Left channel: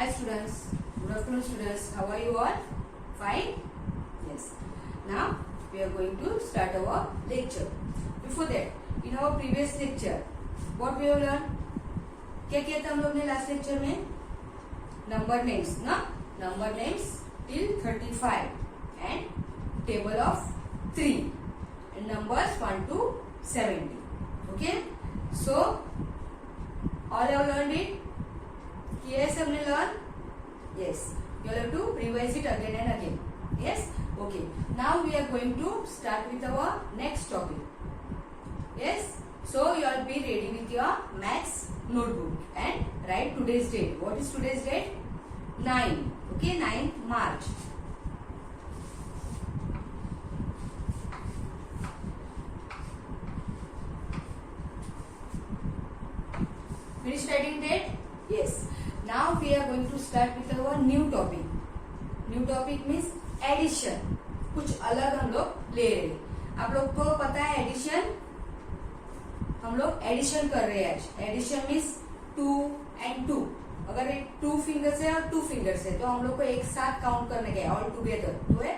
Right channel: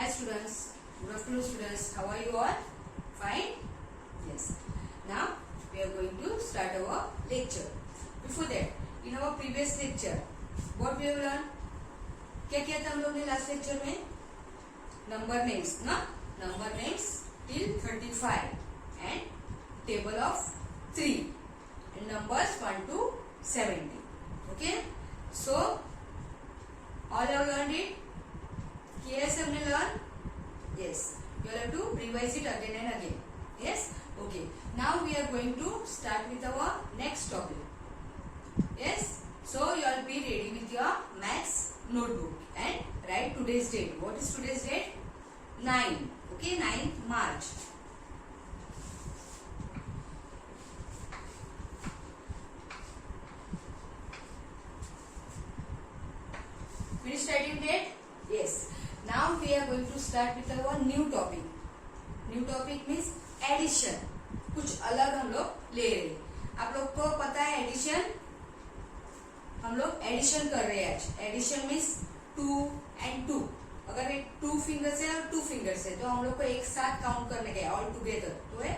Hi students, good afternoon students. How are you all? Fine? Yes. Now we are going to start our lecture. Before that, in our previous lecture, what we have learned? क्या किया था हम लोग ने last lecture में? Number names ना, number names till 35 and table of 3 and numbers 1 to 70. Okay? So all have learned it? Yes, हमने learn? Yes. You have to revise it again and again. Yes? Okay. Now we are going to start with our next topic. Yes? So you all be ready with your maths notebook and write today's date. What is today's date? 9. Okay, 9th March. Finish writing date? Yes. Now we are going to start with our new topic. New topic means addition. कुछ अलग हम लोग ले रहे हैं. आप लोग को पता है एडिशन? हम लोग एडिशन कर रहे हैं आज. Addition means 2 and 2. अगर एक 2 फिंगर्स है और 2 फिंगर्स है तो हम लोग को एक साथ काउंट करने का है ऑल टुगेदर, तो है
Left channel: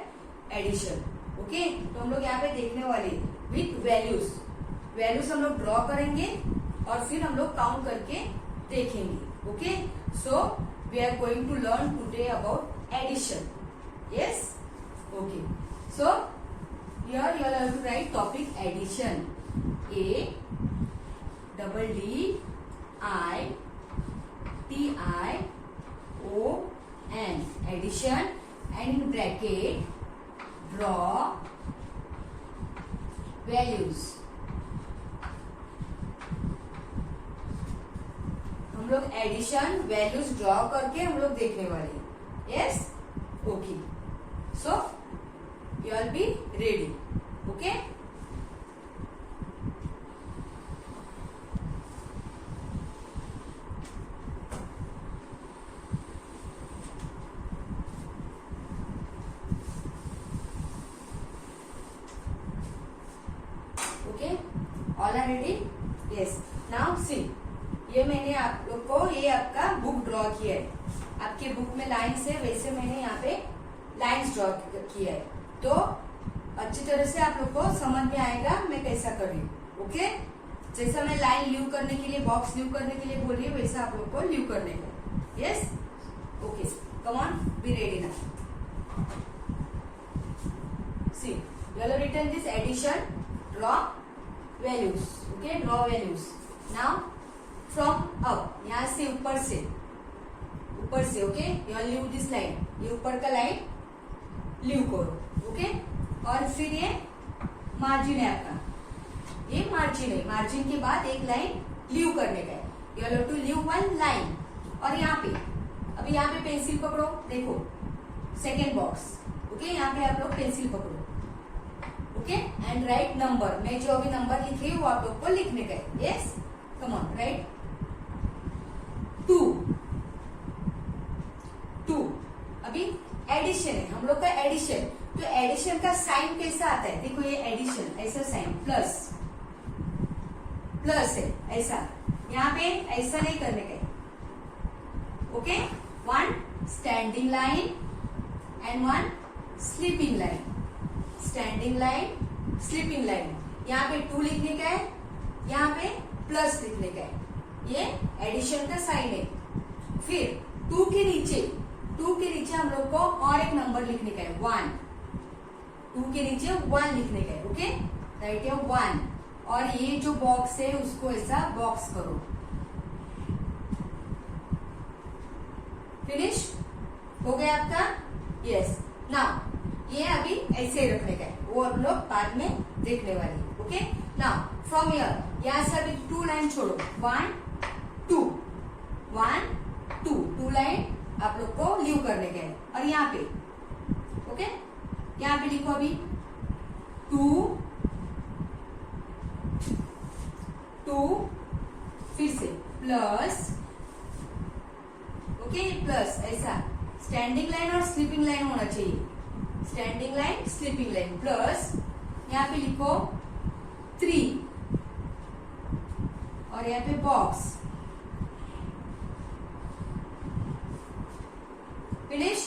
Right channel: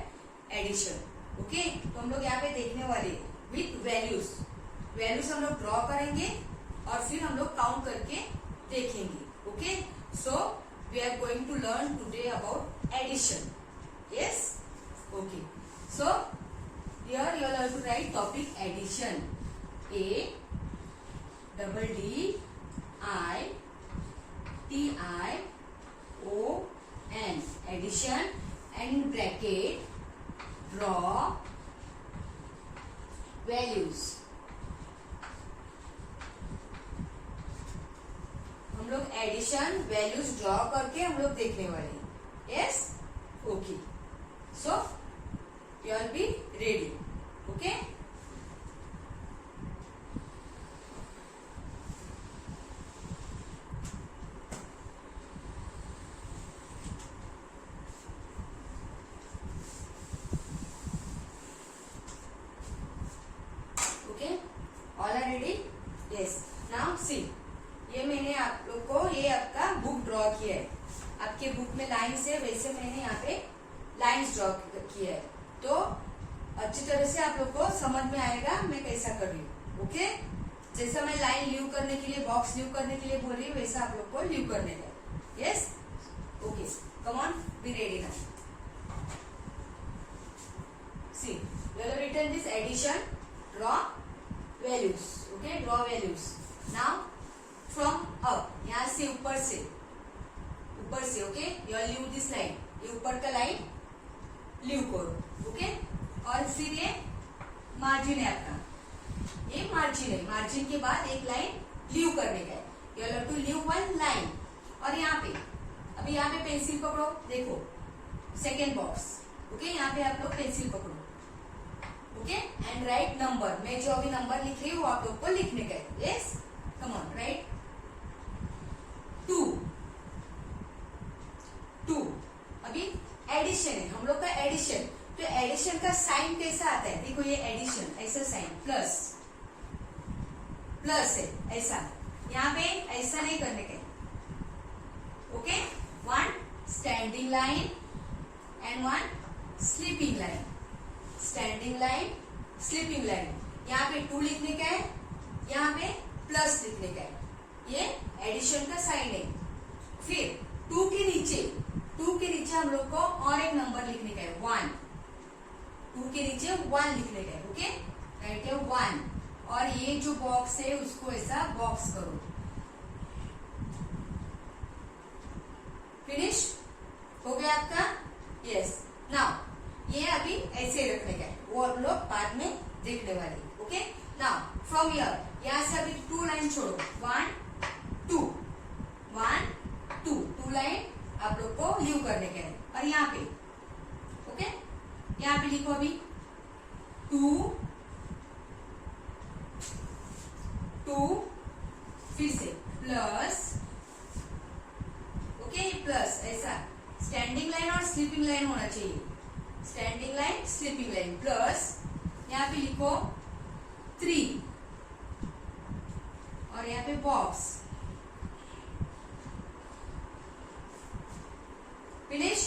एडिशन. ओके, तो हम लोग यहाँ पे देखने वाले विथ वैल्यूज. वैल्यूज हम लोग ड्रॉ करेंगे और फिर हम लोग काउंट करके देखेंगे. Okay, so we are going to learn today about addition. Yes, okay. So here you have to write topic addition. A double D I T I O N, addition, and in bracket draw values. हम लोग addition values draw करके हम लोग देखने वाले. Yes, okay. So you will be ready. Okay, all are ready? Yes. Now see, ये मैंने आप लोग को ये आपका बुक ड्रॉ किया है. आपके बुक में लाइन्स है, वैसे मैंने यहाँ पे लाइन्स ड्रॉ किया है. तो अच्छी तरह से आप लोग को समझ में आएगा मैं कैसा कर रही हूँ. ओके, जैसा मैं लाइन लीव करने के लिए, बॉक्स लीव करने के लिए बोल रही हूँ, वैसा आप लोग को लीव करने का. Yes, okay. Come on, be ready now. See, you have written this addition, draw values. Okay, draw values. Now from up, यहाँ से ऊपर से okay, you will leave this line. ये ऊपर का लाइन लीव करो. ओके, और फिर ये मार्जिन है आपका, ये मार्जिन है. मार्जिन के बाद एक लाइन लीव करने का है. you will have to leave one line. और यहाँ पे अभी यहाँ पे पेंसिल पकड़ो, देखो सेकेंड बॉक्स. ओके, यहाँ पे आप लोग पेंसिल पकड़ो. Okay, and right number. मैं जो अभी नंबर लिखी वो आप लोग को लिखने का है. Yes, come on, right. 2. अभी एडिशन है हम लोग का. एडिशन, तो एडिशन का साइन कैसा आता है? देखो ये एडिशन, ऐसा साइन प्लस है, ऐसा. यहाँ पे ऐसा नहीं करने का है. Okay, 1 standing line and 1 sleeping line. Standing line, sleeping line. यहाँ पे 2 लिखने का है, यहाँ पे प्लस लिखने का है. ये एडिशन का साइन है. फिर 2 के नीचे हम लोग को और एक नंबर लिखने का है, 1. 2 के नीचे 1 लिखने का है. ओके, राइट है 1. और ये जो बॉक्स है उसको ऐसा बॉक्स करो. फिनिश हो गया आपका? यस. नाउ ये अभी ऐसे रखने का है, वो हम लोग बाद में देखने वाले. ओके, नाउ फ्रॉम हियर, यहाँ से अभी 2 लाइन छोड़ो. 1 2 2 लाइन आप लोग को लीव करने का है. और यहाँ पे ओके, यहाँ पे लिखो अभी 2 फिर से प्लस. ओके, प्लस ऐसा स्टैंडिंग लाइन और स्लीपिंग लाइन होना चाहिए. Standing line, sleeping line, plus यहाँ पे लिखो 3 और यहाँ पे box. Finish,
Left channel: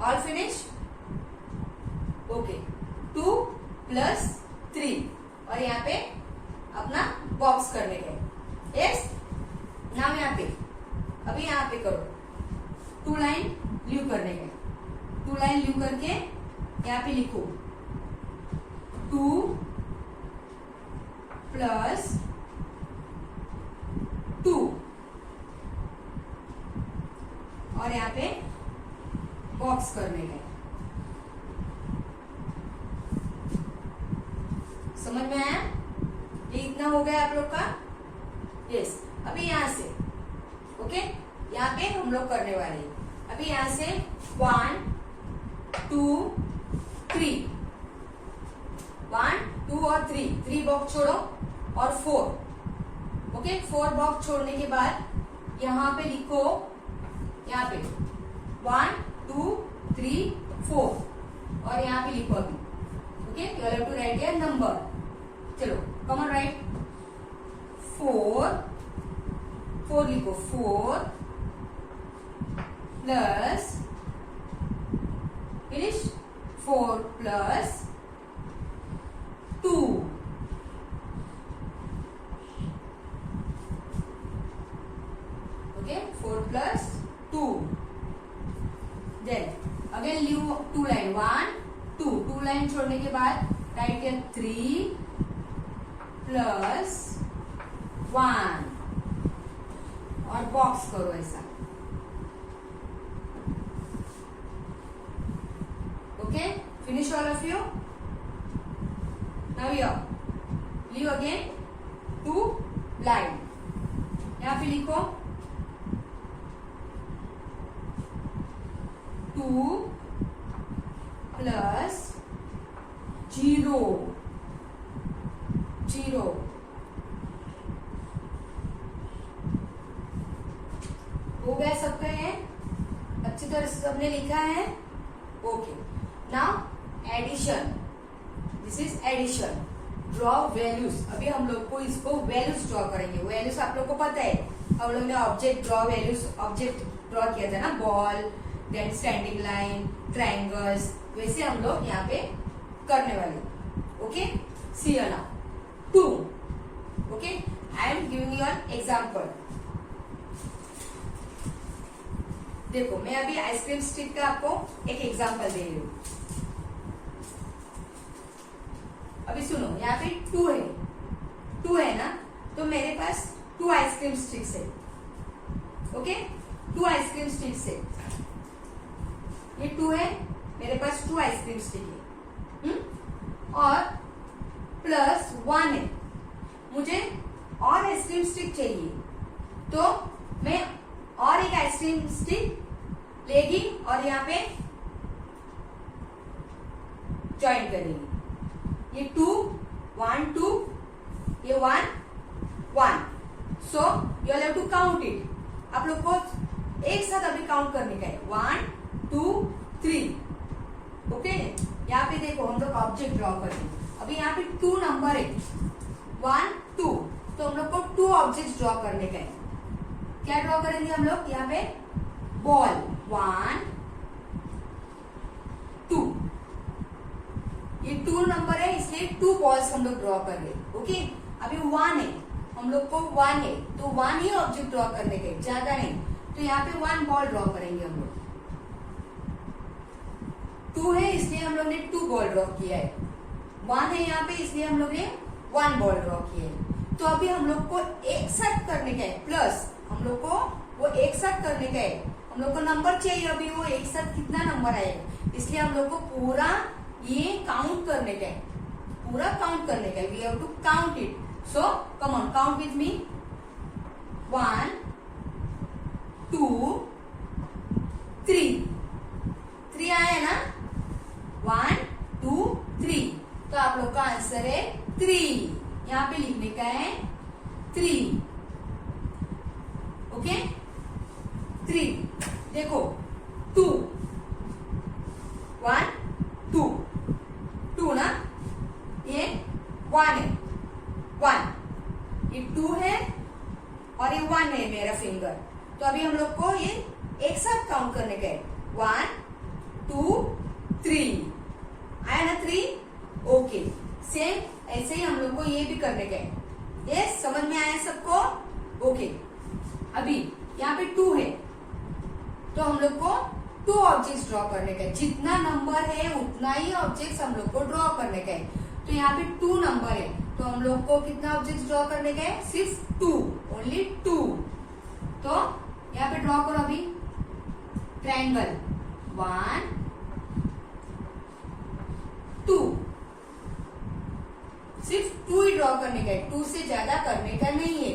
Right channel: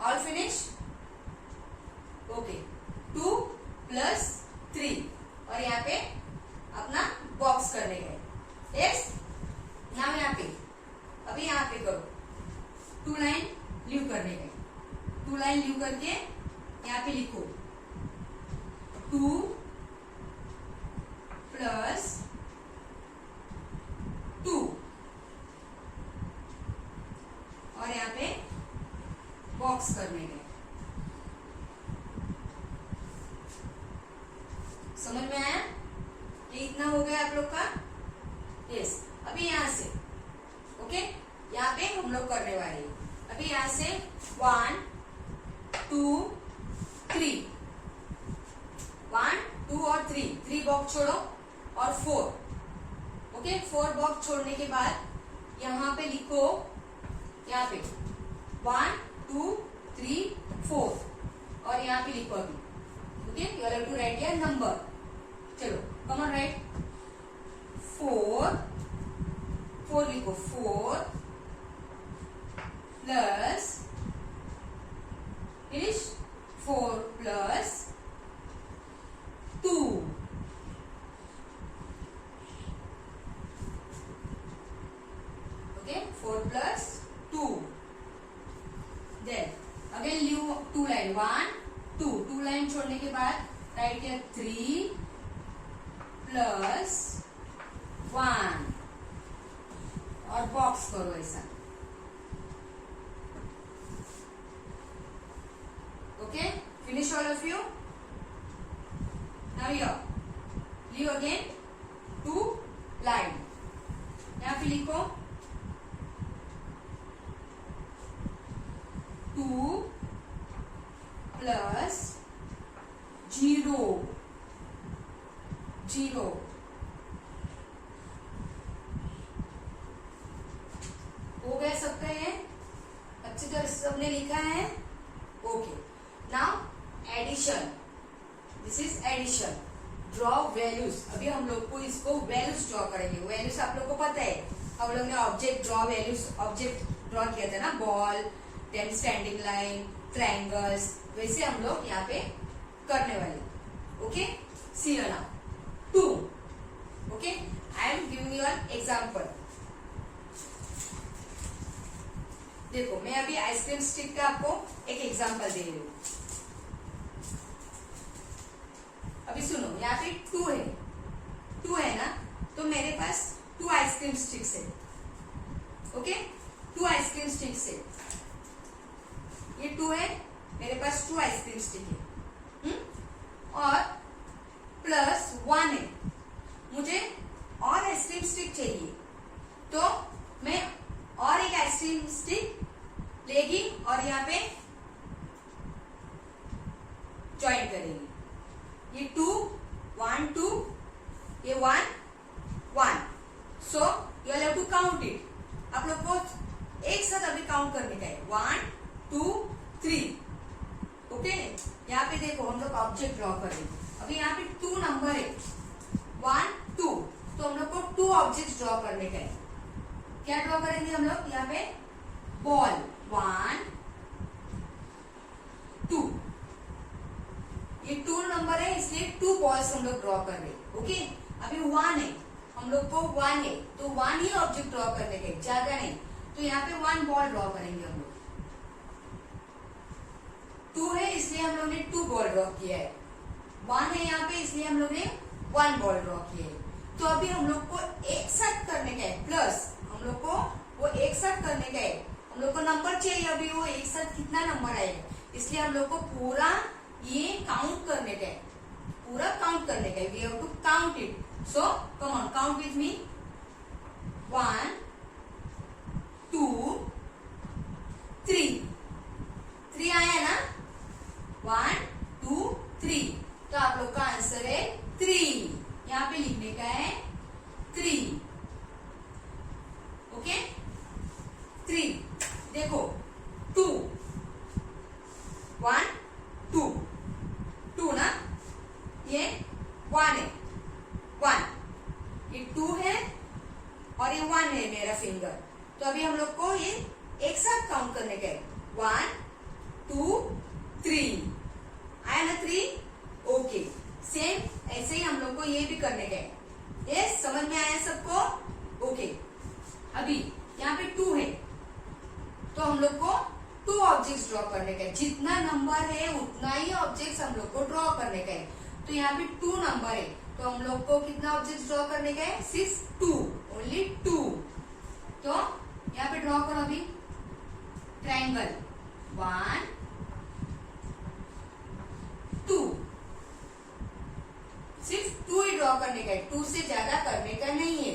all finish, okay. 2 + 3 और यहाँ पे अपना बॉक्स करने गए। यस, नाम यहाँ पे, अभी यहाँ पे करो, 2 लाइन लीव करने गए। 2 लाइन लीव करके यहाँ पे लिखो 2 + 2 और यहाँ पे बॉक्स करने गए। समझ में आया? ये इतना हो गया आप लोग का। यस, अभी यहां से ओके, यहाँ पे हम लोग करने वाले हैं। अभी यहां से 1 2 3, 1 2 और 3 बॉक्स छोड़ो और 4, ओके। 4 बॉक्स छोड़ने के बाद यहाँ पे लिखो, यहाँ पे 1 2 3 4 और यहाँ पे लिखो अभी, okay. You have to write your number. चलो कम ऑन राइट। 4 लिखो, 4 plus finish, 4 + 2, okay. 4 + 2, then again leave 2 line, 1 2 line छोड़ने के बाद राइट हियर 3 + 1 और बॉक्स करो ऐसा, okay. Finish all of you. Now leave again 2 line, यहाँ पे लिखो 2 + 0 हो गया सबका? ये अच्छी तरह से सबने लिखा है, okay. Now addition, this is addition. Draw values, अभी हम लोग को इसको वैल्यूज ड्रॉ करेंगे। वैल्यूज आप लोग को पता है, हम लोग ने object draw values, object draw किया था ना, ball, then standing line, triangles, वैसे हम लोग यहाँ पे करने वाले, ओके। सी ना 2, okay. I am giving you an example. देखो मैं अभी आइसक्रीम स्टिक का आपको एक एग्जांपल दे रही हूँ। अभी सुनो, यहाँ पे 2 है ना, तो मेरे पास 2 आइसक्रीम स्टिक्स है, ओके। 2 आइसक्रीम स्टिक्स है, ये 2 है, मेरे पास 2 आइसक्रीम स्टिक है, और प्लस 1 है। मुझे और आइसक्रीम स्टिक चाहिए, तो मैं और एक आइसक्रीम स्टिक लेगी और यहाँ पे ज्वाइन करेंगी। ये 2 1 2, ये 1 1, so you have to count it. आप लोग को एक साथ अभी काउंट करने का है, 1 2 3, ओके। यहाँ पे देखो हम लोग ऑब्जेक्ट ड्रॉ करेंगे। अभी यहाँ पे 2 नंबर है, 1 2, तो हम लोग को 2 ऑब्जेक्ट ड्रॉ करने का है। क्या ड्रॉ करेंगे हम लोग? यहाँ पे बॉल 1 2, ये 2 नंबर है, इसलिए 2 बॉल्स हम लोग ड्रॉ कर रहे हैं, ओके। अभी 1 है, हम लोग को 1 है, तो 1 ही ऑब्जेक्ट ड्रॉ करने का है, ज्यादा नहीं। तो यहाँ पे 1 बॉल ड्रॉ करेंगे हम लोग। 2 है इसलिए हम लोग ने 2 बॉल ड्रॉ किया है। 1 है यहाँ पे इसलिए हम लोग ने 1 बॉल ड्रॉ किया है। तो अभी हम लोग को एक साथ करने का है, प्लस हम लोग को वो एक साथ करने का है। हम लोग को नंबर चाहिए, अभी वो एक साथ कितना नंबर आएगा, इसलिए हम लोग को पूरा ये काउंट करने का है, पूरा काउंट करने का है। We have to count it, so come on count with me. 1 2 3, 3 आया ना, 1 2 3, तो आप लोग का आंसर है 3। यहाँ पे लिखने का है 3, ओके। 3 देखो, 2 1 2 2 ना, ये 1 है, 1, ये 2 है और ये 1 है मेरा फिंगर। तो अभी हम लोग को ये एक साथ काउंट करने का है। 1 2 3 आया ना 3। ओके, सेम ऐसे ही हम लोग को ये भी करने का है। यस, समझ में आया सबको? ओके, अभी यहाँ पे 2 है तो हम लोग को 2 ऑब्जेक्ट्स ड्रॉ करने का है। जितना नंबर है उतना ही ऑब्जेक्ट्स हम लोग को ड्रॉ करने का है। तो यहाँ पे 2 नंबर है तो हम लोग को कितना ऑब्जेक्ट्स ड्रॉ करने का है? सिर्फ 2, ओनली 2। तो यहाँ पे ड्रॉ करो अभी ट्रायंगल 1 2, सिर्फ 2 ही ड्रॉ करने का है, 2 से ज्यादा करने का नहीं है।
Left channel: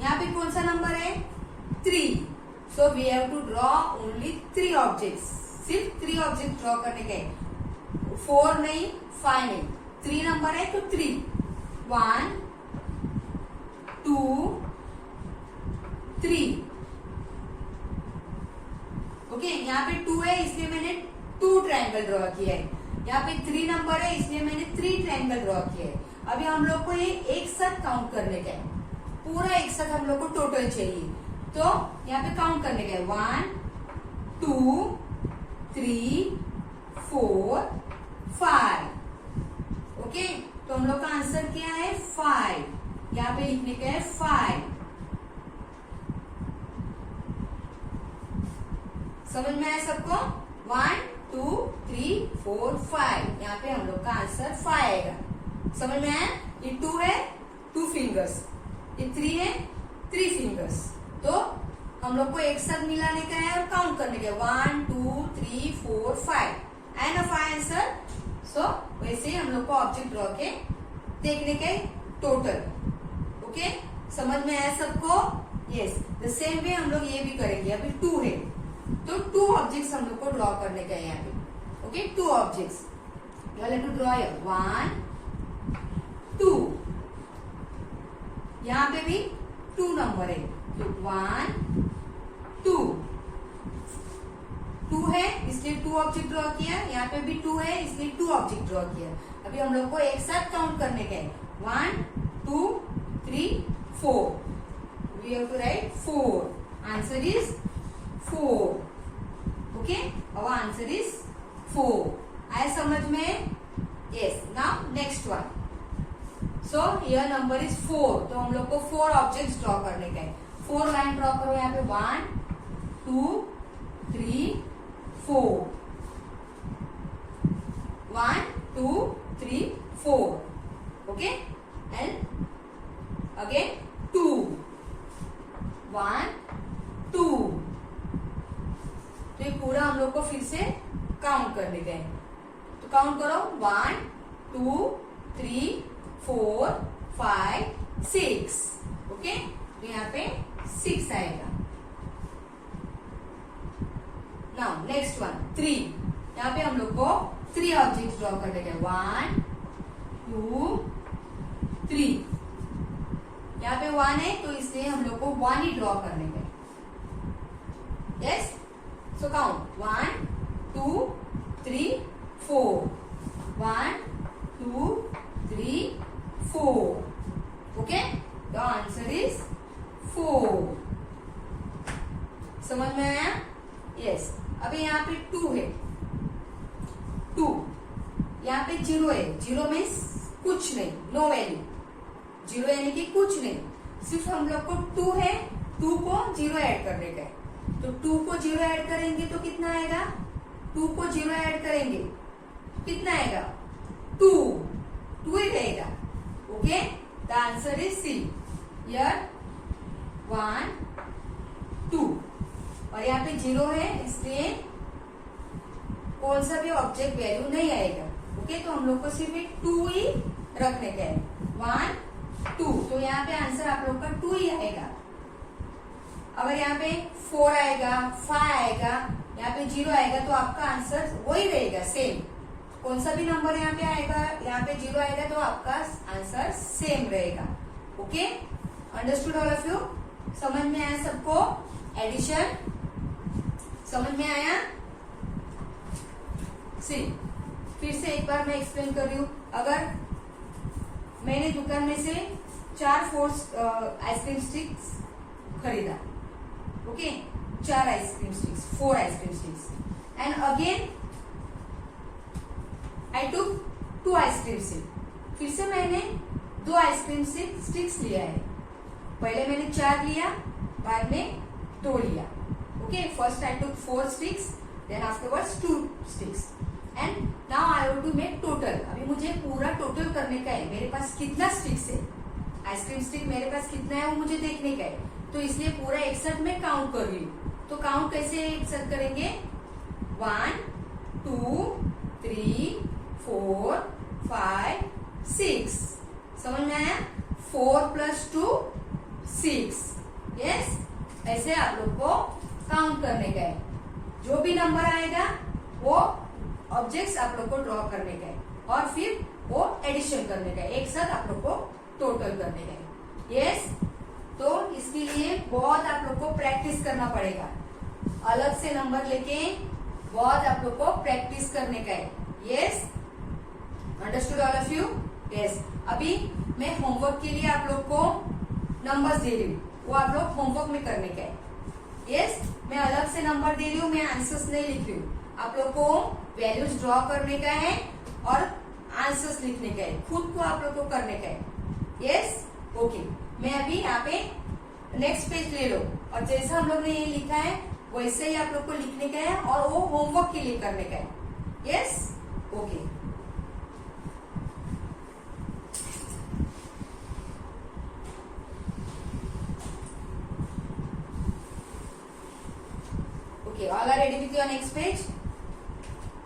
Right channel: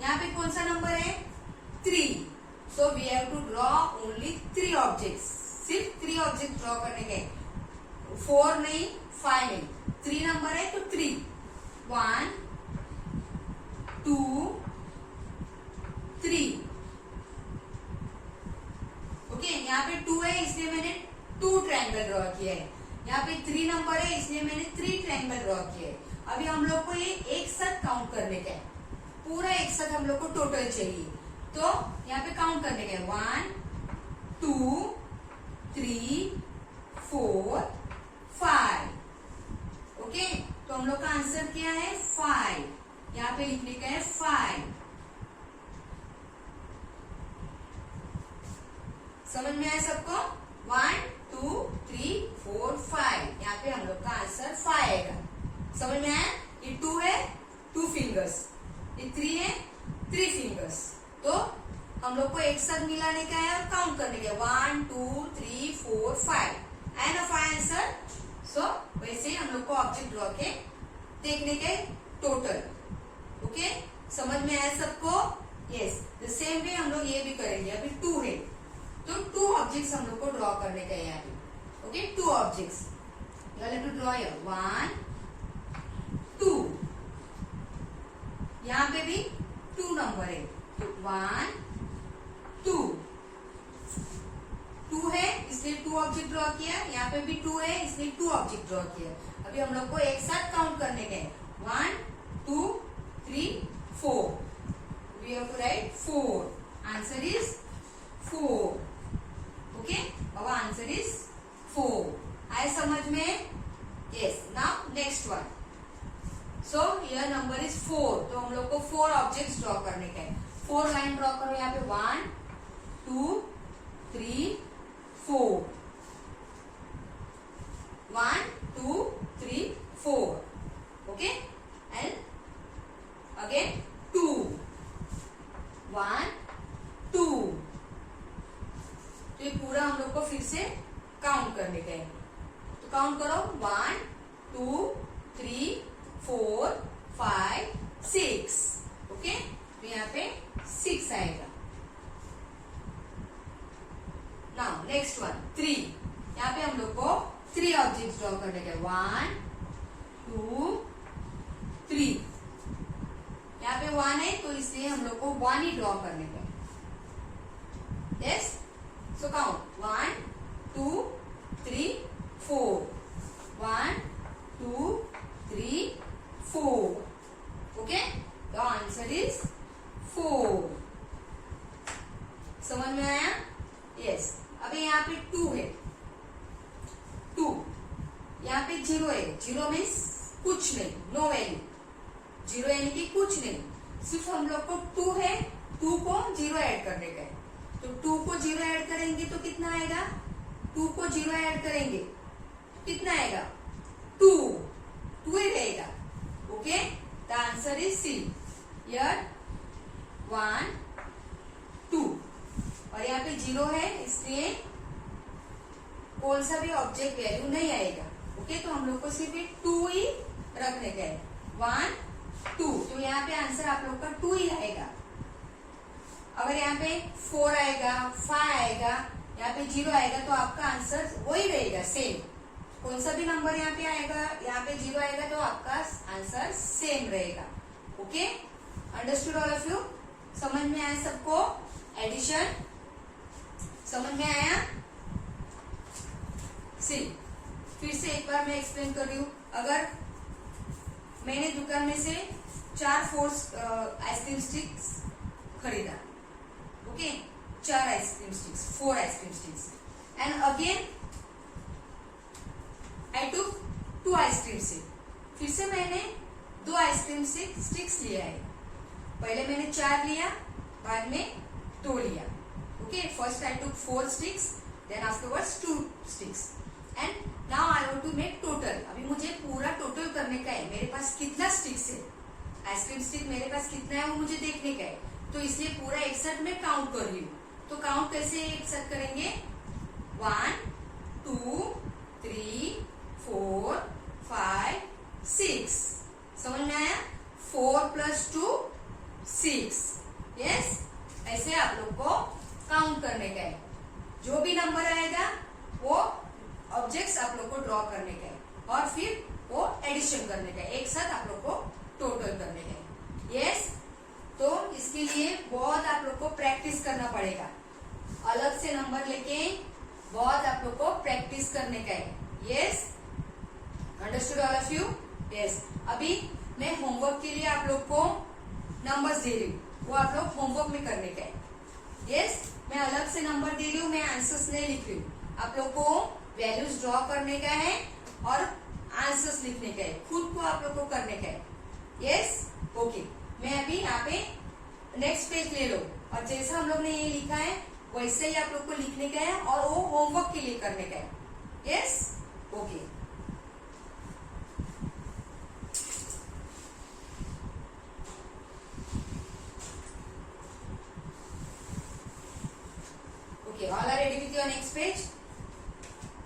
यहाँ पे कौन सा नंबर है? 3। So we have to draw only 3 objects, सिर्फ 3 ऑब्जेक्ट ड्रॉ करने का है। 4 नहीं, 5 नहीं, 3 नंबर है तो 3। 1 2 3। ओके, यहाँ पे 2 है इसलिए मैंने 2 ट्रायंगल ड्रॉ किया है। यहाँ पे 3 नंबर है इसलिए मैंने 3 ट्रायंगल ड्रॉ किया है। अभी हम लोग को ये एक साथ काउंट करने का है, पूरा एक साथ हम लोग को टोटल चाहिए। तो यहाँ पे काउंट करने का है 1 2 3 4 5। ओके, तो हम लोग का आंसर क्या है? 5। यहाँ पे लिखने का है 5। समझ में आया सबको? 1 2 3 4 5। यहाँ पे हम लोग का आंसर 5 आएगा। समझ में आया? ये 2 है 2 फिंगर्स, ये 3 है 3 फिंगर्स। तो हम लोग को एक साथ मिलाने का है और काउंट करने का है 1 2 3 4 5। आया ना 5 आंसर? सो वैसे ही हम लोग को ऑब्जेक्ट ड्रॉ के देखने के टोटल। ओके, समझ में आया सबको? यस, द सेम वे हम लोग ये भी करेंगे। अभी 2 है तो 2 ऑब्जेक्ट्स हम लोग को ड्रॉ करने का है यहाँ पे। Okay, 2 objects you have to draw 1 2। यहाँ पे भी 2 नंबर है तो 1 2। 2 है इसलिए 2 ऑब्जेक्ट ड्रॉ किया। यहाँ पे भी 2 है इसलिए 2 ऑब्जेक्ट ड्रॉ किया। अभी हम लोग को एक साथ काउंट करने का है 1 2 3 4। We have to write 4। Answer is 4। Okay, our answer is 4। आया समझ में? Yes, now next one. So here number is 4 तो हम लोग को 4 ऑब्जेक्ट्स ड्रॉ करने का है। 4 लाइन ड्रॉ करो यहाँ पे 1 2 3 4। 1 2 3 4। Okay, and again 2 1 2। तो ये पूरा हम लोग को फिर से काउंट करने का है। तो काउंट करो 1 2 3 4 5 6। ओके, तो यहाँ पे 6 आएगा। Now next one 3। यहाँ पे हम लोग को 3 ऑब्जेक्ट्स ड्रॉ करने का है 1 2 3। यहाँ पे 1 है तो इसलिए हम लोग को 1 ही ड्रॉ करने का है। Yes, so count 1 2 3 4। 1 2 3 4। Okay, the answer is 4। समझ में आया? यस, अभी यहाँ पे 2 है 2। यहाँ पे 0 है। 0 मीन्स कुछ नहीं, नो वैल्यू। 0 यानी कि कुछ नहीं, सिर्फ हम लोग को 2 है, 2 को 0 ऐड करने का है। तो 2 को 0 ऐड करेंगे तो कितना आएगा? 2 को 0 ऐड करेंगे कितना आएगा? 2 ही रहेगा। Okay, the answer is see. Here 1 2 और यहाँ पे 0 है इसलिए कौन सा भी ऑब्जेक्ट वैल्यू नहीं आएगा। ओके, तो हम लोग को सिर्फ 2 ही रखने का है 1 2। तो यहाँ पे आंसर आप लोग का 2 ही आएगा। अगर यहाँ पे 4 आएगा 5 आएगा, यहाँ पे 0 आएगा तो आपका आंसर वही रहेगा सेम। कौन सा भी नंबर यहाँ पे आएगा, यहाँ पे 0 आएगा तो आपका आंसर सेम रहेगा। Okay, understood all of you? समझ में आया सबको? एडिशन समझ में आया? सी, फिर से एक बार मैं एक्सप्लेन कर रही हूँ। अगर मैंने दुकान में से 4 फोर्स आइसक्रीम स्टिक्स खरीदा, okay, 4 ice cream sticks, 4 ice cream sticks. And again I took 2 ice cream stick. फिर से मैंने 2 आइसक्रीम स्टिक्स लिया है. पहले मैंने 4 लिया, बाद में 2 लिया. Okay, first I took 4 sticks, then afterwards 2 sticks. And now I want to make total. अभी मुझे पूरा टोटल करने का है. मेरे पास कितना स्टिक्स है, आइसक्रीम स्टिक मेरे पास कितना है वो मुझे देखने का है. तो इसलिए पूरा एक साथ मैं काउंट कर रही हूँ. तो काउंट कैसे एक साथ करेंगे? 1 2 3 4 5 6. समझ में आया? 4 + 2 6. यस, ऐसे आप लोग को काउंट करने का है. जो भी नंबर आएगा वो ऑब्जेक्ट्स आप लोग को ड्रॉ करने का है और फिर वो एडिशन करने का है. एक साथ आप लोग को टोटल करने का है. यस, तो इसके लिए बहुत आप लोग को प्रैक्टिस करना पड़ेगा. अलग से नंबर लेके बहुत आप लोग को प्रैक्टिस करने का है. Yes, understood all of you? Yes. अभी मैं होमवर्क के लिए आप लोग को नंबर्स दे रही हूँ, वो आप लोग होमवर्क में करने का है. यस, मैं अलग से नंबर दे रही हूँ, मैं आंसर्स नहीं लिख रही हूँ. आप लोग को वैल्यूज ड्रॉ करने का है और आंसर्स लिखने का है. खुद को आप लोग को करने का है. Yes, okay. मैं अभी यहाँ पे नेक्स्ट पेज ले लो और जैसा हम लोग ने ये लिखा है वैसे ही आप लोग को लिखने का है और वो होमवर्क के लिए करने का है. Yes, okay. Okay, all are ready with your next page?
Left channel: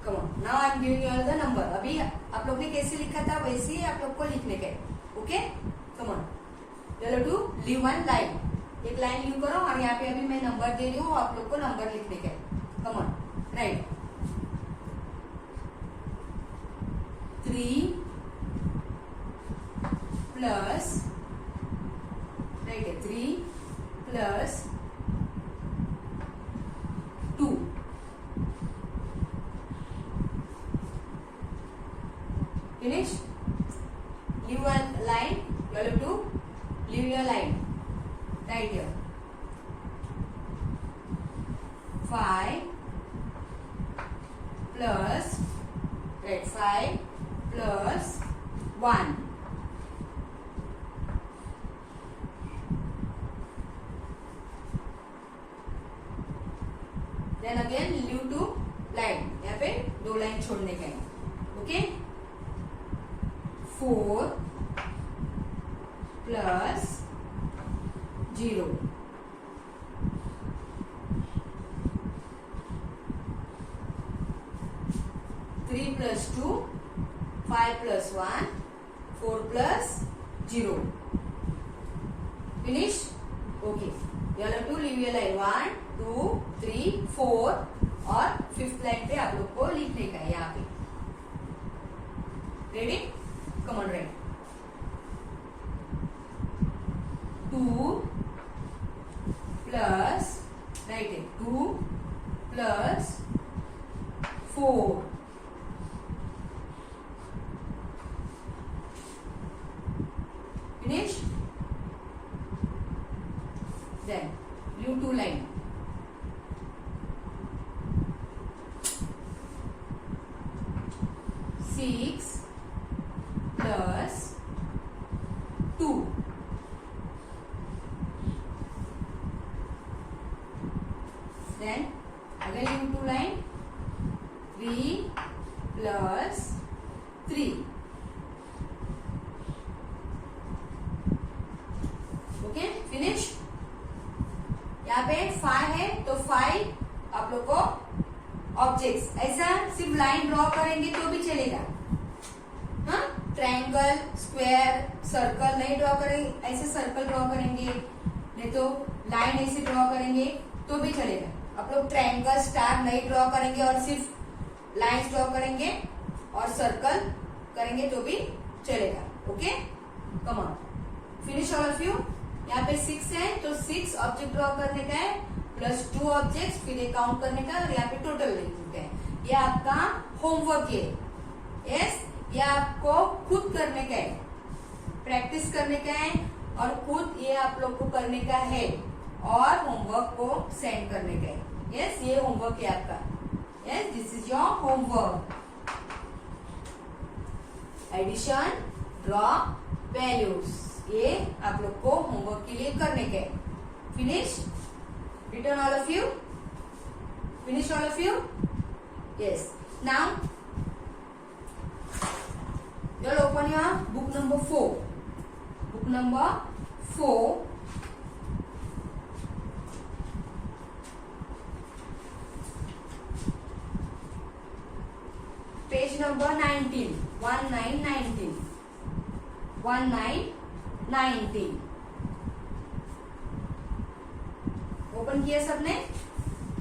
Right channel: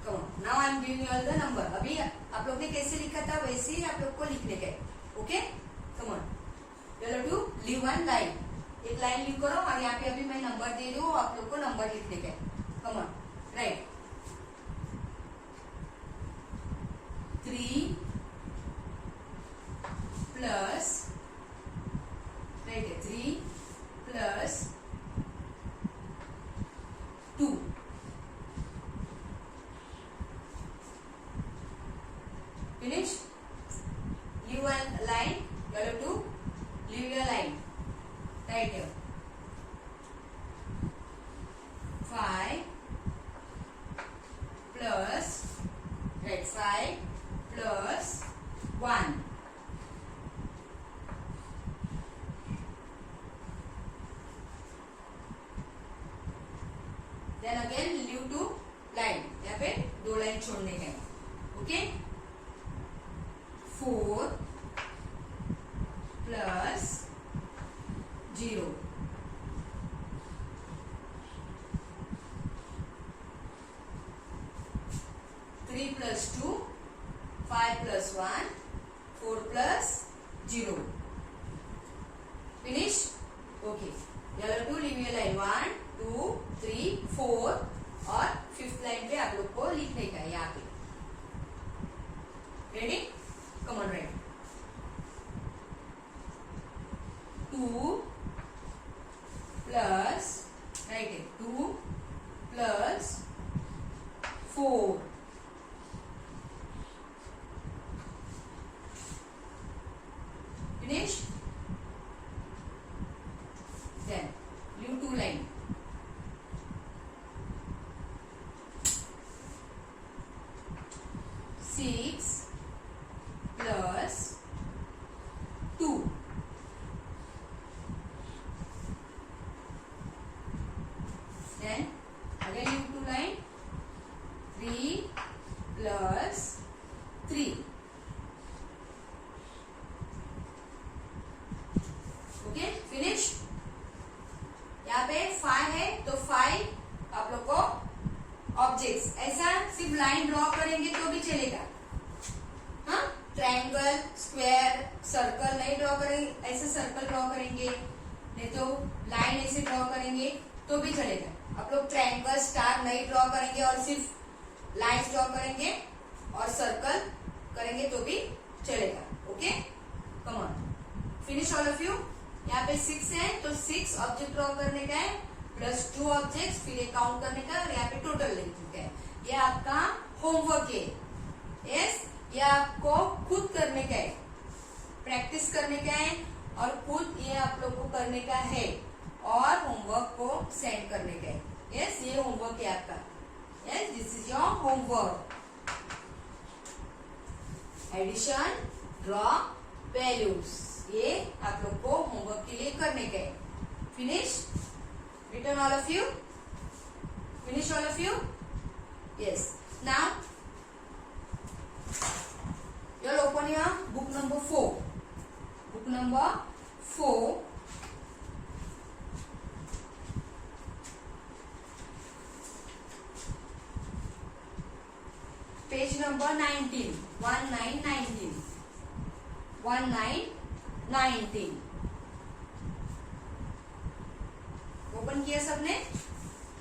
Come on. Now I am giving you all the number. अभी आप लोग ने कैसे लिखा था वैसे ही आप लोग को लिखने का है. Okay, come on. चलो टू लीव वन लाइन. एक लाइन लीव करो और यहाँ पे अभी मैं नंबर दे रही हूँ, आप लोग को नंबर लिखने का है. Come on, right. 3 plus, right है, 3 plus 2. Finish? Leave one line. You have to leave your line right here. 5 plus, right, 5 plus 1. Then again leave 2 line. यहाँ पे 2 लाइन छोड़ने का है. Okay, 4 plus 0. 3 plus 2, 5 plus 1, 4 plus 0. Finish? Okay. You have to leave your line 1, 2, 3, 4 और 5th line पे आप लोग को लिखने का है यहाँ पे. Ready? Come on, right. 2 plus, right है, 2 plus 4. Finish? Then leave 2 line. 6 plus 2. Then again leave 2 line. 3 plus 3. Okay, finish. यहाँ पे 5 है तो 5 आप लोग को ऑब्जेक्ट्स, ऐसा सिर्फ लाइन ड्रॉ करेंगे तो भी चलेगा. हाँ, ट्रायंगल, स्क्वायर, सर्कल नहीं ड्रॉ करेंगे, ऐसे सर्कल ड्रॉ करेंगे, नहीं तो लाइन ऐसे ड्रॉ करेंगे तो भी चलेगा. आप लोग ट्रायंगल, स्टार नहीं ड्रॉ करेंगे और सिर्फ लाइन्स ड्रॉ करेंगे और सर्कल करेंगे तो भी चलेगा. Okay, come on, finish all of you. यहाँ पे 6 है तो 6 ऑब्जेक्ट ड्रॉ करने का है प्लस 2 ऑब्जेक्ट, फिर ये काउंट करने का और यहाँ पे टोटल लिखने का है. ये आपका होमवर्क है. यस, ये आपको खुद करने का है, प्रैक्टिस करने का है और खुद ये आप लोग को करने का है और होमवर्क को सेंड करने का है। यस, ये होमवर्क है आपका। Yes, this is your homework. Addition, draw values, ये आप लोग को होमवर्क के लिए करने का है। Finish? Return all of you? Finish all of you? Yes. Now you'll open your book number 4. Book number 4. Page number 19. 1919. 1919. Open किया सबने?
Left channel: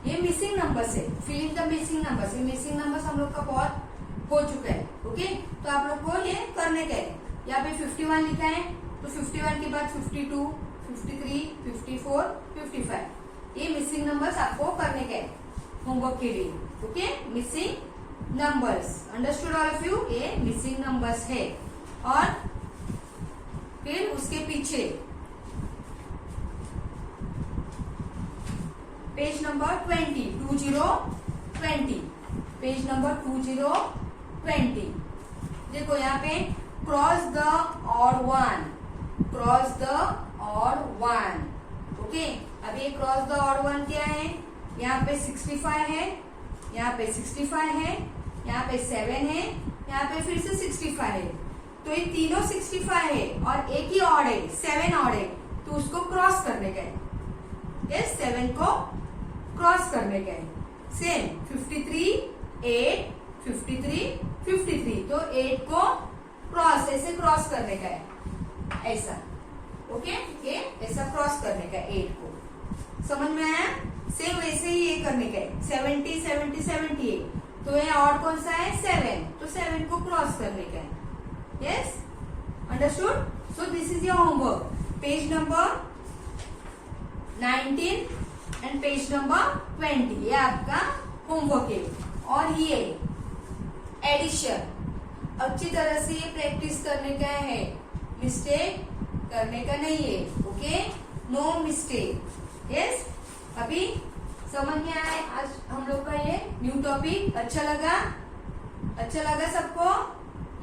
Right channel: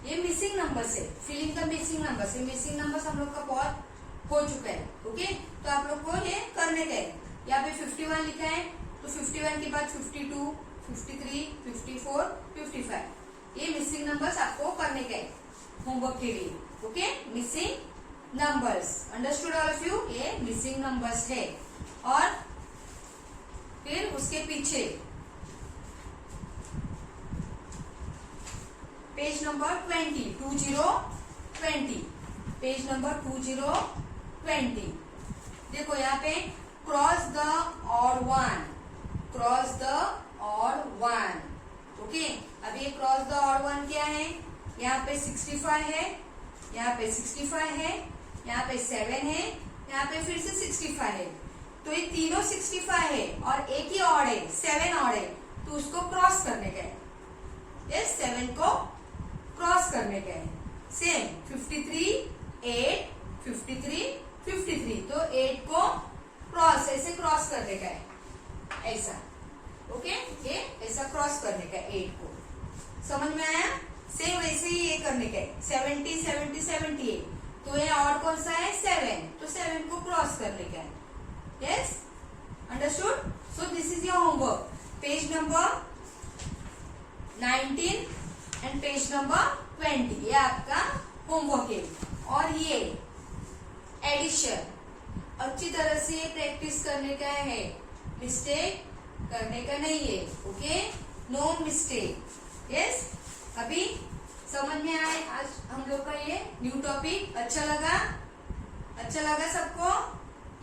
ये मिसिंग नंबर्स है। Filling the missing numbers. ये मिसिंग नंबर्स हम लोग का बहुत हो चुका है। ओके, तो आप लोग को ये करने का है। यहाँ पे 51 लिखा है, तो 51 के बाद 52, 53, 54, 55, ये मिसिंग नंबर्स आपको करने का है होमवर्क के लिए। Okay, missing numbers, understood all of you? ये मिसिंग नंबर्स है। और फिर उसके पीछे पेज नंबर 20, पेज नंबर 20। देखो यहाँ पे cross the odd one, cross the odd one. Okay, अब ये क्रॉस द ऑड वन क्या है? यहाँ पे 65 है, यहाँ पे 65 है, यहाँ पे 7 है, यहाँ पे फिर से 65 है। तो ये तीनों 65 है और एक ही ऑड है, 7 ऑड है, तो उसको क्रॉस करने का है। इस 7 को क्रॉस करने का है। सेम 53, 8, 53, 53, तो 8 को क्रॉस, ऐसे क्रॉस करने का है, ऐसा। ओके, ये ऐसा क्रॉस करने का है 8 को। समझ में आया? सेम वैसे ही ये करने का है। 70, 70, 78, तो ये और कौन सा है? 7, तो 7 को क्रॉस करने का है। Yes, understood? So this is your homework. Page number 19 and page number 20, ये आपका होमवर्क है। और ये एडिशन अच्छी तरह से प्रैक्टिस करने का है, मिस्टेक करने का नहीं है। Okay, no mistake. यस, अभी समझ में आए आज हम लोग का ये न्यू टॉपिक? अच्छा लगा सबको?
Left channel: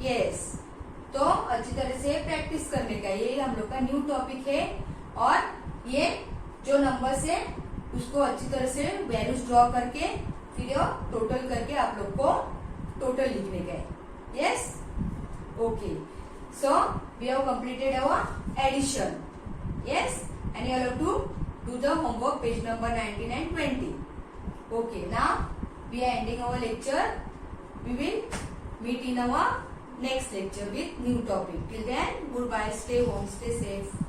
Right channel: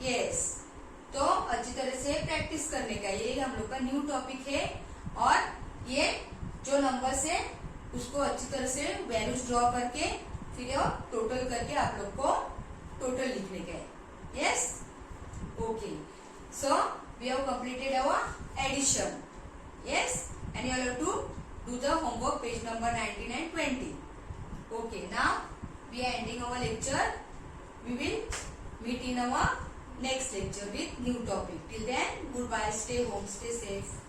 यस, तो अच्छी तरह से प्रैक्टिस करने का, ये हम लोग का न्यू टॉपिक है। और ये जो नंबर्स है उसको अच्छी तरह से वैल्यूज ड्रॉ करके फिर टोटल करके आप लोग को टोटल लिखने का है। Yes, okay, so we have completed our addition. Yes, and you have to do the homework, page number 19 and 20. Okay, now we are ending our lecture. We will meet in our next lecture with new topic. Till then, goodbye, stay home, stay safe.